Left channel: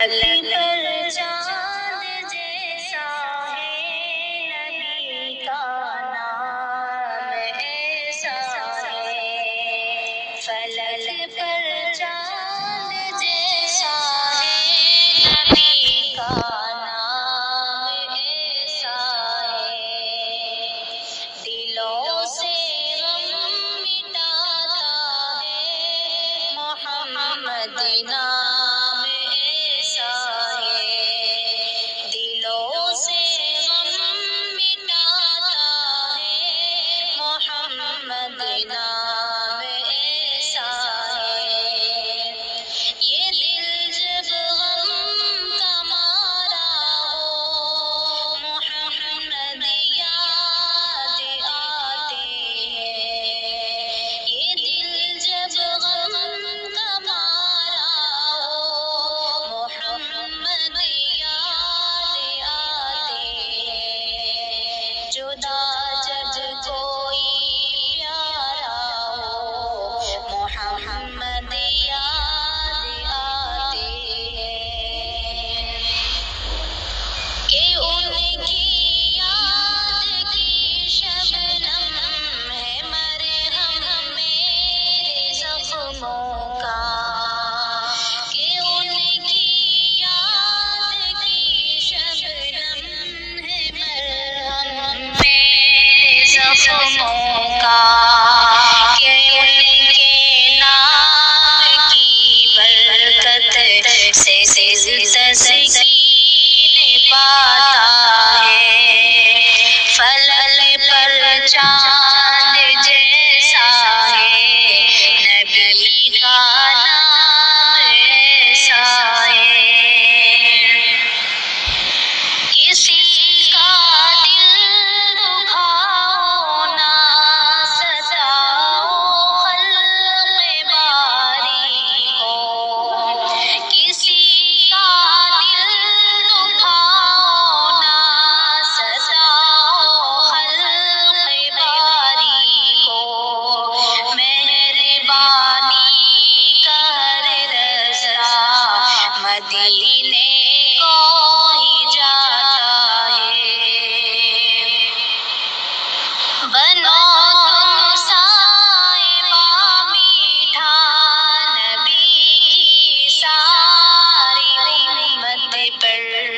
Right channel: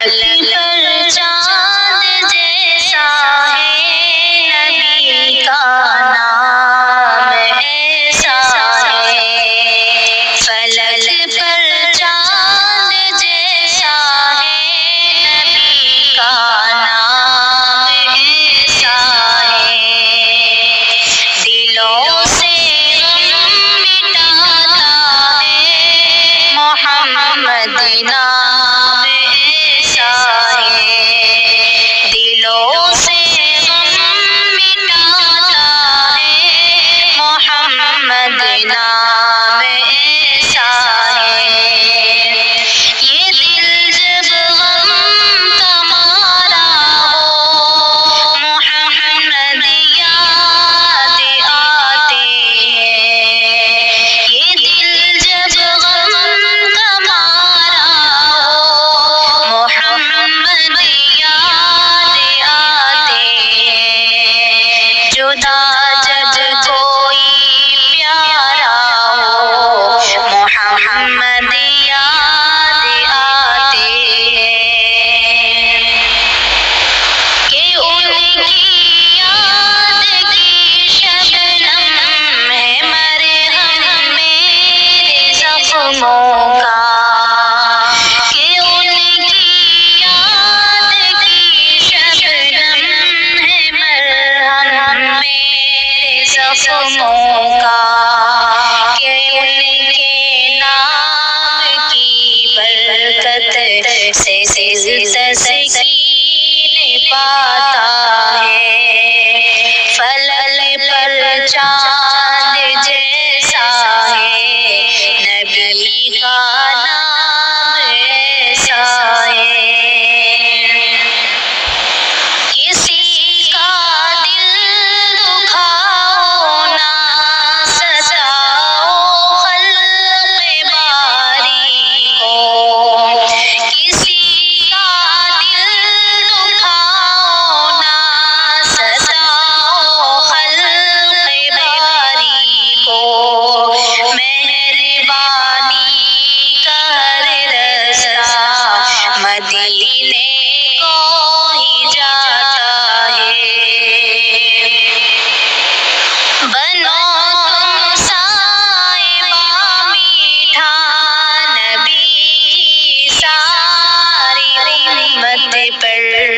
فلک پر چاند جیسا ہے نبی کا نام ایسا ہے، فلک پر چاند جیسا ہے نبی کا نام ایسا ہے، دلوں سے غم مٹاتا ہے محمد نام ایسا ہے، دلوں سے غم مٹاتا ہے محمد نام ایسا ہے، یہ دل جب غم تمہارا ہو محمد یاد آتے ہیں، یہ دل جب غم تمہارا ہو محمد یاد آتے ہیں، جدا جب کوئی پیارا ہو محمد یاد آتے ہیں، کہ ان کی یاد کی شبنم ہے مرہم میرے زخموں کا، کہ ان کی یاد کی شبنم ہے مرہم میرے زخموں کا، کہ ان کے نام کی برکت سے دل تسکین پاتا ہے، فلک پر چاند جیسا ہے نبی کا نام ایسا ہے، کسی کا دل دکھاؤ نہ ستاؤ خلق باری کو، کسی کا دل دکھاؤ نہ ستاؤ خلق باری کو، مہربانی کا ہر رستہ مدینے کو ہی جاتا ہے، بنو تم صائبہ میٹھا نبی کی ساری امت پر